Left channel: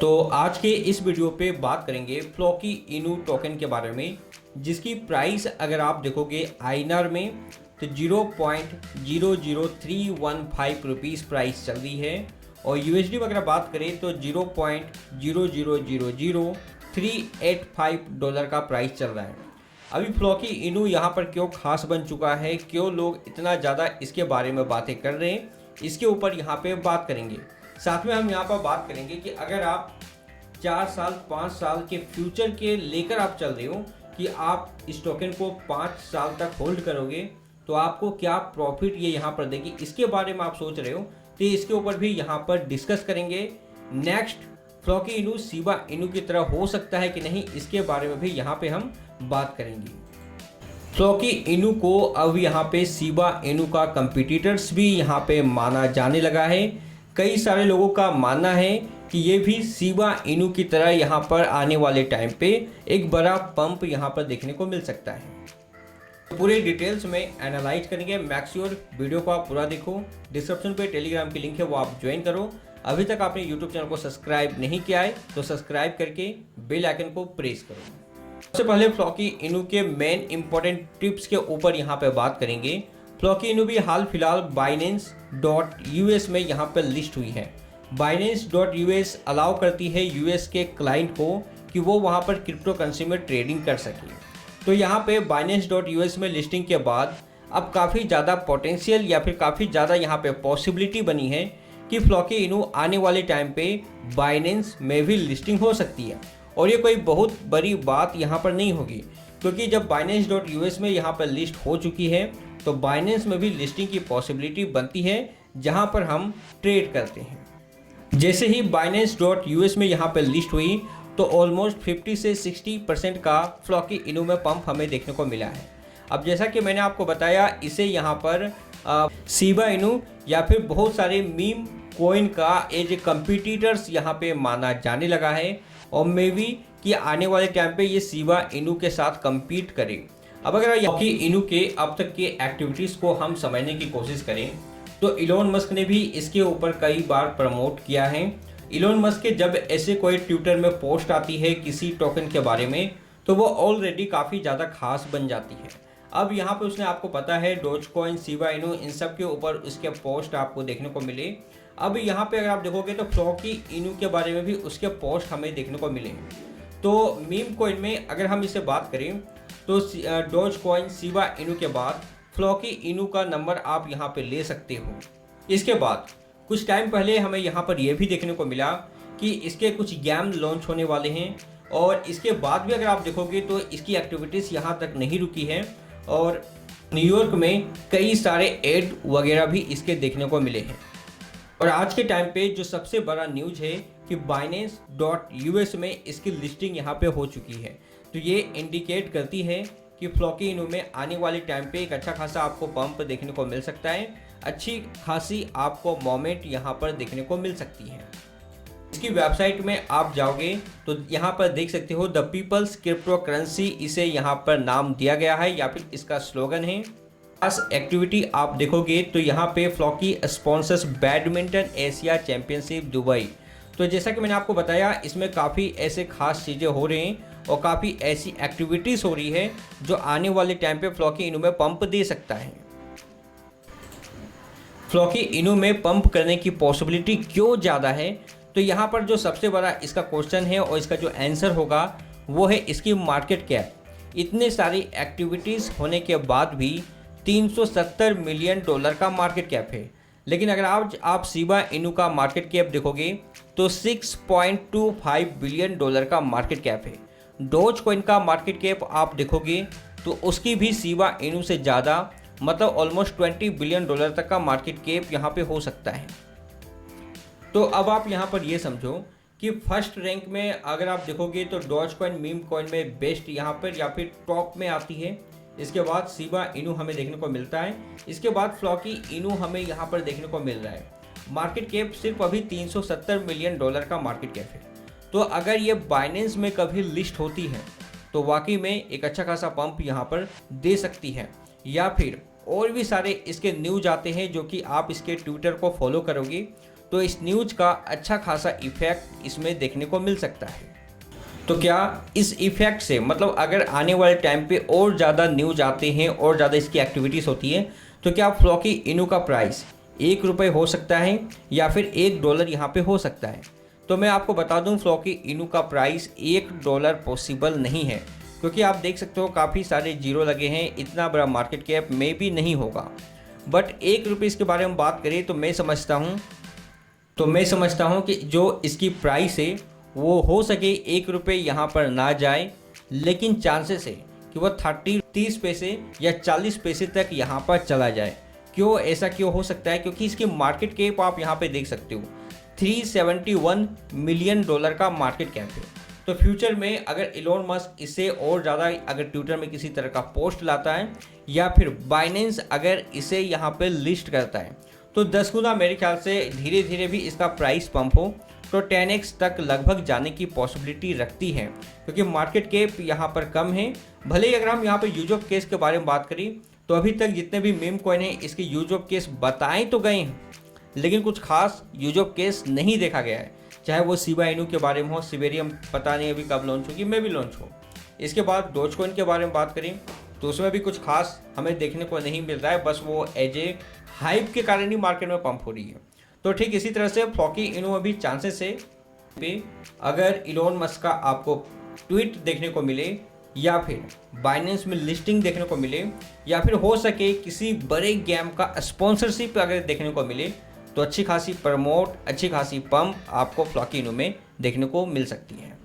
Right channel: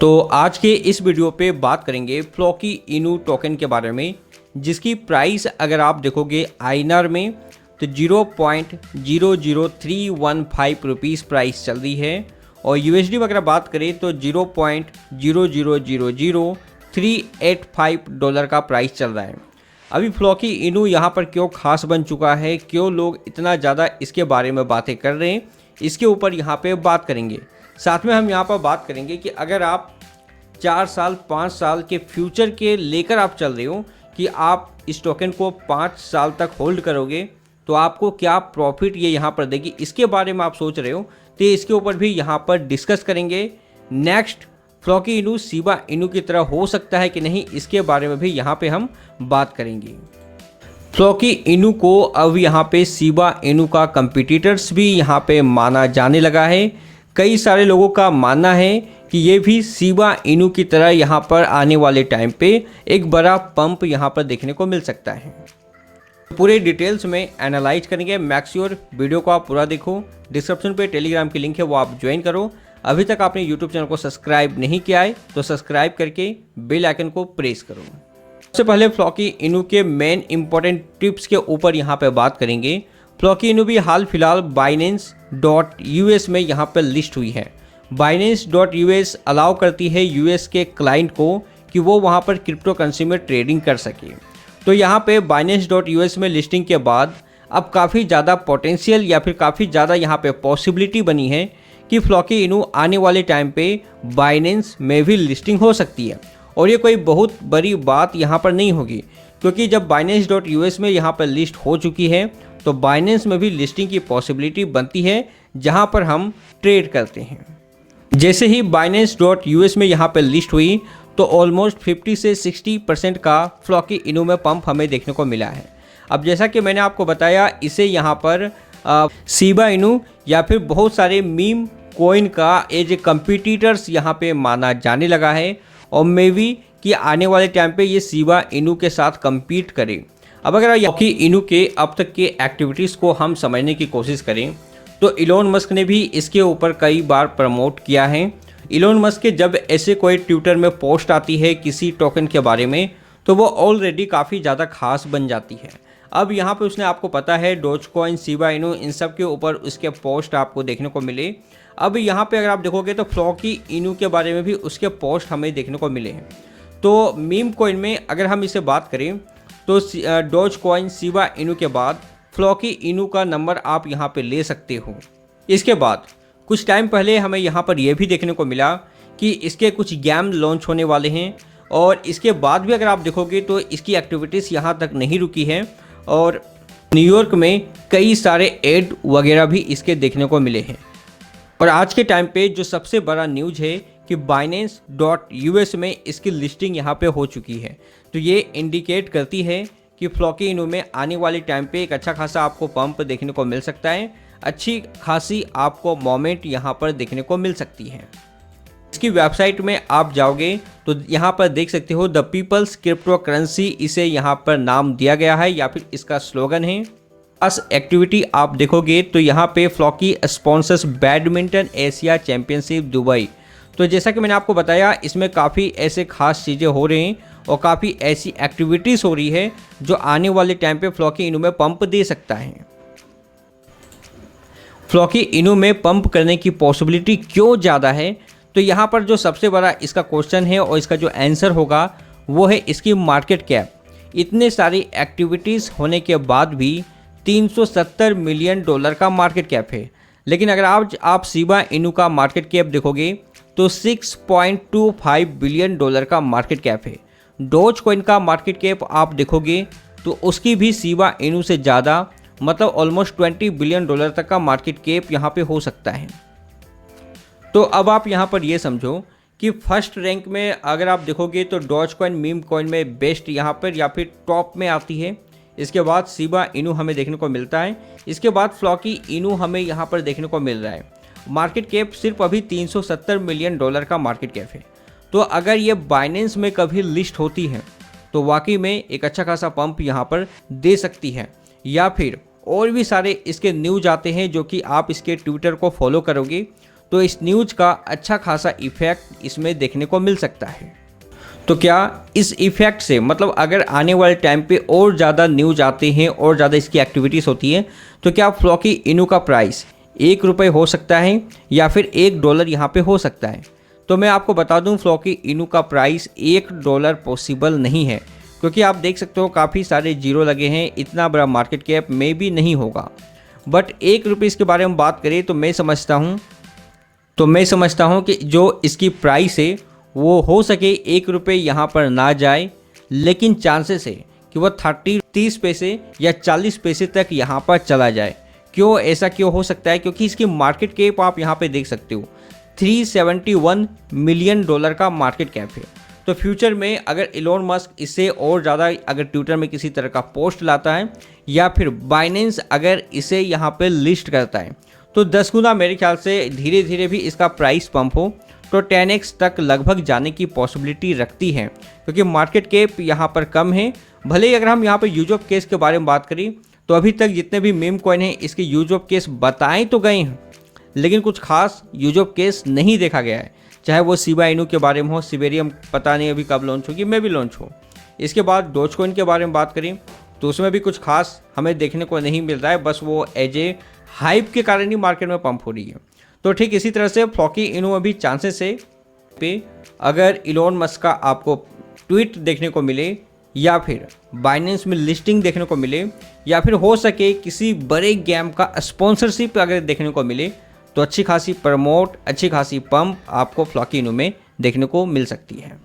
तो आज के इस वीडियो पे बात करेंगे फ्लॉकी इनू टोकन के बारे में, जिसकी प्राइस अगर आप देखोगे आईएनआर में तो 0.00315 रुपीज़ प्राइस चल रही है और यूएसडी में अगर बात करें तो 0.0000385 डॉलर का प्राइस चल रहा है। अभी फ्लॉकी इनू यहाँ पर क्यों खास बन चुका है, क्यों लोग इतना ज़्यादा इसके बारे में बातें कर रहे हैं, इसके ऊपर यहाँ पे बात करेंगे। साथ में हम यहाँ पर बात करेंगे कि अगर आप 4 साल 5 साल के फ्यूचर के लेकर आप चल रहे हो कि आप इस टोकन को 5 साल तक होल्ड करोगे तो आपको क्या प्रॉफिट ये यहाँ पर देगी, इसके बारे में आप सोच रहे हो तो इसके ऊपर भी यहाँ पर डिस्कस करेंगे। नेक्स्ट, फ्लॉकी इनू शिबा इनू की तरह हो सकता है कि नहीं, इसके बारे में भी यहाँ पे हम बात करेंगे। फ्लॉकी इनू को अब यहाँ पे शिबा इनू का कंपटीटर्स भी यहाँ पे माना जाने लगा है। कई सारे लोगों का मानना है कि ये भी शिबा इनू की तरह यहाँ पर आने वाले टाइम पे एक बड़ा पंप यहाँ पर देखने को मिल सकता है। पूरे डिटेल्स में एनालाइज करेंगे। मेक श्योर वीडियो को आप पूरा देखो। डिस्क्रिप्शन पे टेलीग्राम की लिंक है, वो आप ज्वाइन करो। अभी तक आपने यूट्यूब चैनल को सब्सक्राइब नहीं किया है तो सब्सक्राइब करके बेल आइकन को प्रेस करो। सबसे पहले फ्लॉकी इनू के मेन इंपॉर्टेंट टिप्स के ऊपर यहाँ पे बात करेंगे। फ्लॉकी इनू भी हाल फिलहाल Binance.us में यहाँ पर लिस्ट हुई है। Binance.us अलाउ करती है यूएस के क्लाइंट को कि वो वहाँ पर क्रिप्टो करेंसी में ट्रेडिंग कर सके। तो यहाँ पे Binance.us में लिस्टिंग के बाद अब काफ़ी ज़्यादा पोटेंशियल या फिर काफ़ी ज़्यादा यहाँ पे पॉसिबिलिटी बनी है कि फ्लॉकी इनू आने वाले टाइम पे Binance में भी लिस्टिंग हो सकती है। और ये कोई बहुत बड़ी बात यहाँ पर नहीं होगी, क्योंकि जब Binance.us में यहाँ पर लिस्ट हो चुकी है तो Binance में भी लिस्टिंग की पॉसिबिलिटी बनती है, जहाँ पर हम ट्रेड करते हैं। जैसे ही Binance.us में यहाँ पर लिस्ट हुई तो ऑलमोस्ट 50 से 60% का फ्लॉकी इनू में पंप हमें देखने को मिला है। अब जैसा कि मैंने आपको बताया, इसे यहाँ पर शिबा इनू या फिर बहुत सारे मीम कॉइन का एज ए कंपटीटर्स यहाँ पे माना जाने लगा है और मे बी कि आने वाले टाइम पे ये शिबा इनू के साथ compete करे। अब अगर फ्लॉकी इनू के अब तक के एक्टिविटीज़ को हम समझने की कोशिश करें तो इलोन मस्क ने भी इसके ऊपर कई बार प्रमोट किया है। इलोन मस्क के जब ऐसे कोई ट्विटर में पोस्ट आती है किसी टोकन के बारे में तो वो ऑलरेडी काफ़ी ज़्यादा खास बन जाती है। अब यहाँ पे उसने, आपको पता है, डोजकॉइन, शिबा इनू, इन सब के ऊपर उसके पोस्ट आपको देखने को मिले। अब यहाँ पे अगर आप देखोगे तो फ्लॉकी इनू के बारे में भी उसके पोस्ट हमें देखने को मिले हैं। तो मीम कॉइन में अगर हम इसे बात करें तो डोजकॉइन, शिबा इनू के बाद फ्लॉकी इनू का नंबर आप यहाँ पे ले सकते हो। इसके बाद कुछ टाइम पहले हमें यहाँ पर यह भी देखने को मिला कि इसके कुछ गेम लॉन्च होने वाले हैं और इसके बाद भी अगर आप देखोगे तो इसकी एक्टिविटीज़ यहाँ तक नहीं रुकी है और न्यूयॉर्क में कई सारे एड वगैरह भी इसके देखने को मिले हैं। और आज के टाइम पे जो सबसे बड़ा न्यूज़ है कि Binance.us में इसकी लिस्टिंग यहाँ पे हो चुकी है। तो ये इंडिकेट करती है कि फ्लॉकी इनू में आने वाले टाइम पे एक अच्छा खासा आपको पंप देखने को मिल सकता है, अच्छी खासी आपको मोमेंट यहाँ पर देखने को मिल सकती है। इसकी वेबसाइट में आप जाओगे तो यहाँ पर देख सकते हो द पीपल्स क्रिप्टो करेंसी, इसे यहाँ पर नाम दिया गया है या फिर इसका स्लोगन है। खास एक्टिविटी आप देखोगे तो यहाँ पे Floki sponsors badminton Asia championship Dubai. तो जैसा कि मैंने आपको बताया, इसमें काफ़ी ऐसे खास चीज़ें हो रही हैं और काफ़ी ऐसी एक्टिविटीज़ हो रही है जो आने वाले टाइम पे फ्लॉकी इनू में पंप दे सकता है। फ्लॉकी इनू में पंप करने की पॉसिबिलिटी क्यों ज़्यादा है, तो यहाँ पर जो सबसे बड़ा इसका क्वेश्चन है और इसका जो आंसर होगा वो है इसकी मार्केट कैप। इतने सारी एक्टिविटीज़ होने के बाद भी 370 मिलियन डॉलर का मार्केट कैप है। लेकिन अगर आप शिबा इनू का मार्केट कैप देखोगे तो 6.25 बिलियन डॉलर का मार्केट कैप है। डोज कॉइन का मार्केट कैप आप देखोगे तो उसकी भी शिबा इनू से ज़्यादा, मतलब ऑलमोस्ट 20 बिलियन डॉलर तक का मार्केट कैप यहाँ पे हो सकता है। तो अब आप यहाँ पर ये समझो कि फर्स्ट रैंक में अगर आप देखोगे तो डोज कॉइन मीम कॉइन में बेस्ट यहाँ पर या फिर टॉप में आती है। इसके बाद शिबा इनू हमें देखने को मिलता है। इसके बाद फ्लॉकी इनू हमें यहाँ पर देखने को मिल रहा है। मार्केट कैप सिर्फ अभी 370 मिलियन डॉलर का मार्केट कैप है। तो अगर ये बाइनेंस में कभी लिस्ट होती है तो वाकई में एक अच्छा खासा पंप यहाँ पर दे सकती है। या फिर और भी सारे इसके न्यूज आते हैं जो कि आप इसके ट्विटर को फॉलो करोगे तो इस न्यूज़ का अच्छा खासा इफेक्ट इसमें देखने को मिल सकता है। तो क्या इस इफेक्ट से मतलब अगर आने वाले टाइम पे और ज़्यादा न्यूज़ आते हैं और ज़्यादा इसकी एक्टिविटीज़ होती है तो क्या फ्लॉकी इनू का प्राइस ₹1 हो सकता है या फिर $1 यहाँ पे हो सकता है? तो मैं आपको बता दूं फ्लॉकी इनू का प्राइस $1 पॉसिबल नहीं है, क्योंकि आप देख सकते हो काफ़ी सारे जीरो लगे हैं, इतना बड़ा मार्केट कैप में भी नहीं होगा। बट ₹1 के बारे में बात करें तो मैं समझता हूँ कि जो इसकी प्राइस है वो हो सके ₹1 यहाँ पर ना जाए, लेकिन चांसेस है कि वह 30 पैसे या 40 पैसे तक यहाँ पर चला जाए। ऐसा क्यों हो सकता है? क्योंकि इसकी मार्केट कैप आप यहाँ पे देख सकते हो $371 मिलियन का मार्केट कैप है। तो फ्यूचर में अगर इलोन मस्क इससे और ज़्यादा अगर ट्विटर में किसी तरह का पोस्ट लाता है या फिर बाइनेंस अगर इसे यहाँ पे लिस्ट करता है तो 10 गुना मेरे ख्याल से धीरे धीरे भी इसका प्राइस पंप हो तो 10x तक लगभग जाने की पॉसिबिलिटी रखती है, क्योंकि मार्केट कैप यहाँ पर कम है। भले ही अगर हम यहाँ पर यूज ऑफ केस के बारे में बात करें तो अभी तक जितने भी मीम कॉइन हैं इसके यूज ऑफ केस बताए तो गए हैं, लेकिन कुछ खास यूज ऑफ केस नहीं देखा गया है। चाहे वो शिबा इनू के बारे में हो, सिबेरियम पता नहीं अभी कब लॉन्च होगी, मैं भी लॉन्च हो। इसके बाद डोजकॉइन के बारे में बात करें तो उसमें भी कुछ खास हमें देखने को नहीं मिल रहा है, बस वो एज ए हाइप के कारण ही मार्केट में पंप हो रही है। तो ठीक इसी तरह से फ्लॉकी इनू में भी चांसेस है पे अगर इलोन मस्क का आपको ट्वीट देखने को मिले या फिर बाइनेंस में लिस्टिंग देखने को मिले या फिर हो सके किसी बड़े गेम का स्पॉन्सरशिप अगर देखने को मिले तो अच्छी खासी प्रमोट, अच्छी खासी पंप आपको फ्लॉकी इनू में देखने को मिल सकती है।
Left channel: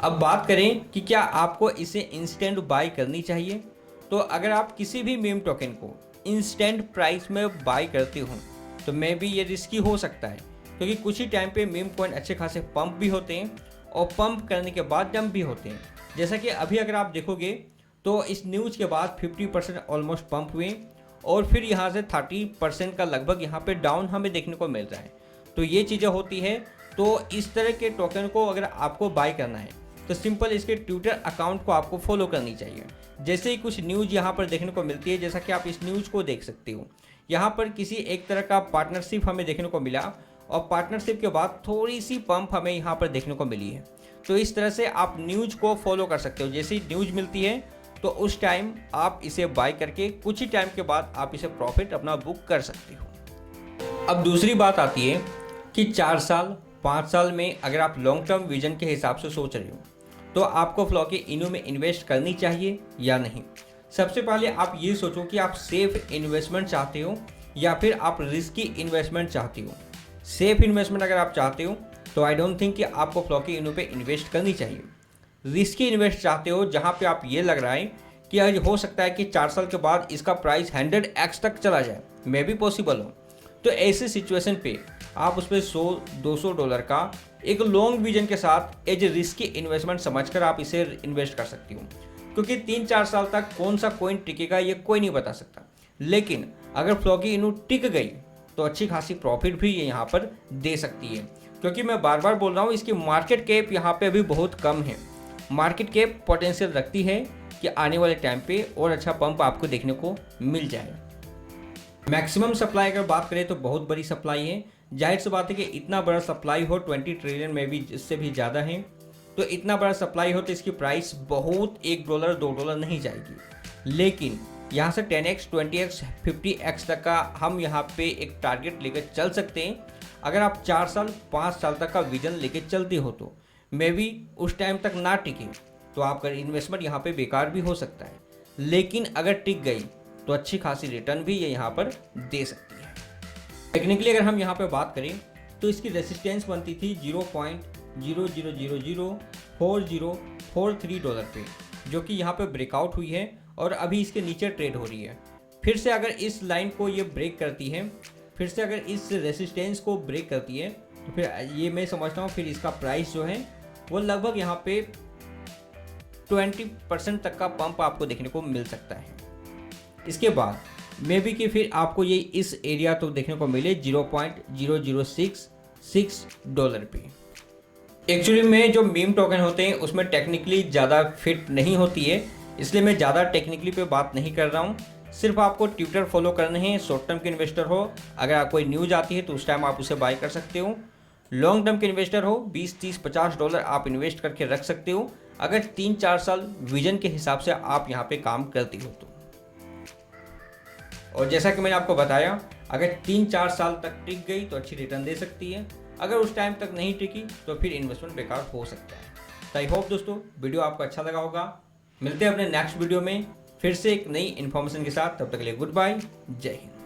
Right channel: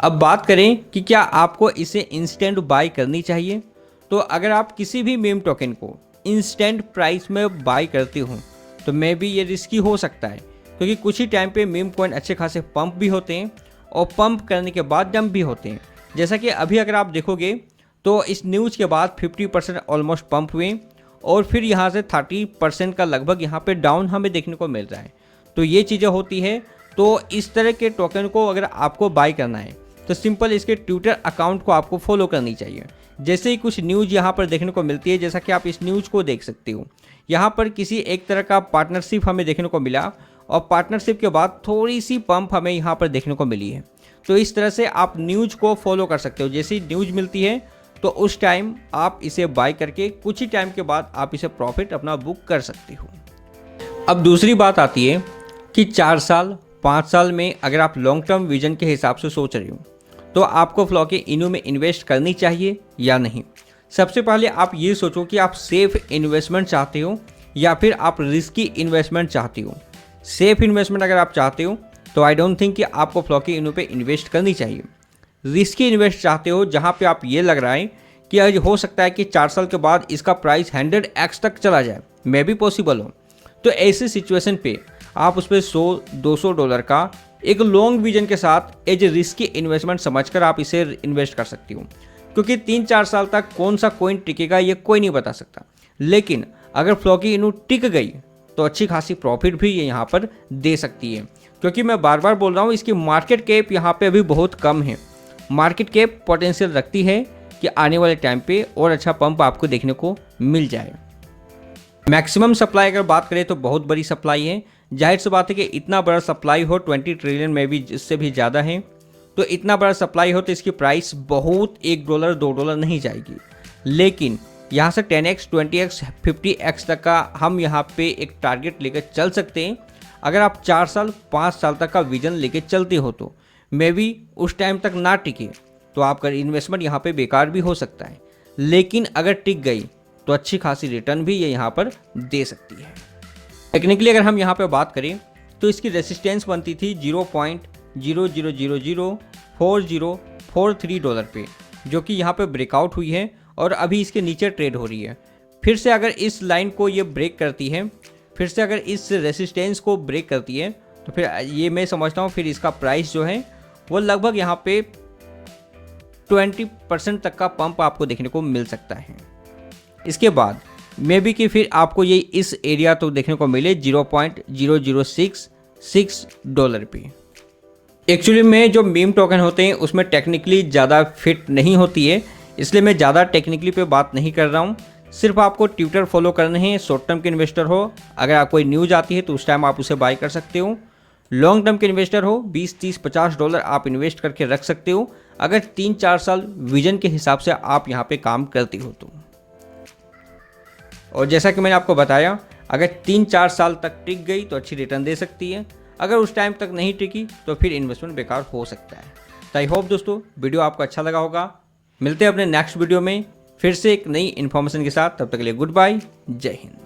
अब बात करें कि क्या आपको इसे इंस्टेंट बाय करनी चाहिए, तो अगर आप किसी भी मीम टोकन को इंस्टेंट प्राइस में बाय करते हो तो मे भी ये रिस्की हो सकता है, क्योंकि कुछ ही टाइम पे मीम कॉइन अच्छे खासे पंप भी होते हैं और पंप करने के बाद डंप भी होते हैं। जैसा कि अभी अगर आप देखोगे तो इस न्यूज़ के बाद 50% ऑलमोस्ट पंप हुए और फिर यहाँ से 30% का लगभग यहाँ पे डाउन हमें देखने को मिल रहा है। तो ये चीज़ें होती है। तो इस तरह के टोकन को अगर आपको बाय करना है तो सिंपल इसके ट्विटर अकाउंट को आपको फॉलो करनी चाहिए। जैसे ही कुछ न्यूज़ यहाँ पर देखने को मिलती है, जैसा कि आप इस न्यूज़ को देख सकते हो, यहाँ पर किसी एक तरह का पार्टनरशिप हमें देखने को मिला और पार्टनरशिप के बाद थोड़ी सी पंप हमें यहाँ पर देखने को मिली है। तो इस तरह से आप न्यूज़ को फॉलो कर सकते हो। जैसे ही न्यूज़ मिलती है तो उस टाइम आप इसे बाय करके कुछ ही टाइम के बाद आप इसे प्रॉफिट अपना बुक कर सकते हो। अब दूसरी बात आती है कि 4 साल 5 साल में अगर आप लॉन्ग टर्म विजन के हिसाब से सोच रहे हो तो आपको फ्लॉकी इनू में इन्वेस्ट करनी चाहिए या नहीं। सबसे पहले आप ये सोचो कि आप सेफ इन्वेस्टमेंट चाहते हो या फिर आप रिस्की इन्वेस्टमेंट चाहते हो। सेफ इन्वेस्टमेंट अगर आप चाहते हो तो आई डोंट थिंक कि आपको फ्लॉकी इनू पे इन्वेस्ट करनी चाहिए। रिस्की इन्वेस्ट चाहते हो जहाँ पे आप ये लग रहा है कि आज हो सकता है कि 4 साल के बाद इसका प्राइस 100x तक चला जाए, मे भी पॉसिबल हो, तो ऐसी सिचुएशन पे आप उस पर $100-200 का एक लॉन्ग विजन के साथ एज ए रिस्की इन्वेस्टमेंट समझकर आप इसे इन्वेस्ट कर सकती हो। क्योंकि 3-4 साल तक कौन सा कॉइन टिकेगा ये कोई नहीं बता सकता, लेकिन अगर फ्लॉकी इनू टिक गई तो अच्छी खासी प्रॉफिट भी ये यहाँ पर दे सकती है। क्योंकि मैं बार बार बोल रहा हूँ इसकी मार्केट कैप यहाँ पे अभी बहुत कम है। मार्केट कैप पोटेंशियल रखती है कि आने वाले टाइम पे और अच्छा पंप आपको देखने को मिल जाए। मैक्सिमम सप्लाई अगर बात करें तो बहुत बड़ी सप्लाई है। जाहिर सी बात है कि इतना बड़ा सप्लाई हो 20 ट्रिलियन में भी इससे भी ज़्यादा है, तो इतना बड़ा सप्लाई हो तो इसकी प्राइस बहुत $1-2 नहीं जाएगी। लेकिन यहाँ से 10x 20x 50x तक का हम यहाँ पे एक टारगेट लेकर चल सकते हैं। अगर आप 4 साल 5 साल तक का विजन लेके चलते हो तो मे बी उस टाइम तक ना टिके तो आपका इन्वेस्टमेंट यहाँ पे बेकार भी हो सकता है, लेकिन अगर टिक गई तो अच्छी खासी रिटर्न भी ये यहाँ पर दे सकती है। टेक्निकली अगर हम यहाँ पे बात करें तो इसकी रेसिस्टेंस बनती थी $0.00004043 पे, जो कि यहाँ पे ब्रेकआउट हुई है और अभी इसके नीचे ट्रेड हो रही है। फिर से अगर इस लाइन को ये ब्रेक करती है, फिर से अगर इस रेसिस्टेंस को ब्रेक करती है तो फिर ये मैं समझता हूँ फिर इसका प्राइस जो है वो लगभग यहाँ पे 20% तक का पंप आपको देखने को मिल सकता है। इसके बाद मे बी कि फिर आपको ये इस एरिया तो देखने को मिले $0.0066 पे। एक्चुअली में जो मीम टोकन होते हैं उसमें टेक्निकली ज़्यादा फिट नहीं होती है, इसलिए मैं ज़्यादा टेक्निकली पे बात नहीं कर रहा हूँ। सिर्फ आपको ट्विटर फॉलो करने हैं, शॉर्ट टर्म के इन्वेस्टर हो, अगर आप कोई न्यूज़ आती है तो उस टाइम आप उसे बाय कर सकते हो। लॉन्ग टर्म के इन्वेस्टर हो, 20, 30, $50 आप इन्वेस्ट करके रख सकते हो, अगर 3-4 साल विजन के हिसाब से आप यहाँ पे काम करती हो तो। और जैसा कि मैंने आपको बताया, अगर 3-4 साल तक टिक गई तो अच्छी रिटर्न दे सकती है, अगर उस टाइम तक नहीं टिकी तो फिर इन्वेस्टमेंट बेकार हो सकता है। तो आई होप दोस्तों वीडियो आपको अच्छा लगा होगा। मिलते हैं अपने नेक्स्ट वीडियो में फिर से एक नई इन्फॉर्मेशन के साथ। तब तक के लिए गुड बाय, जय हिंद।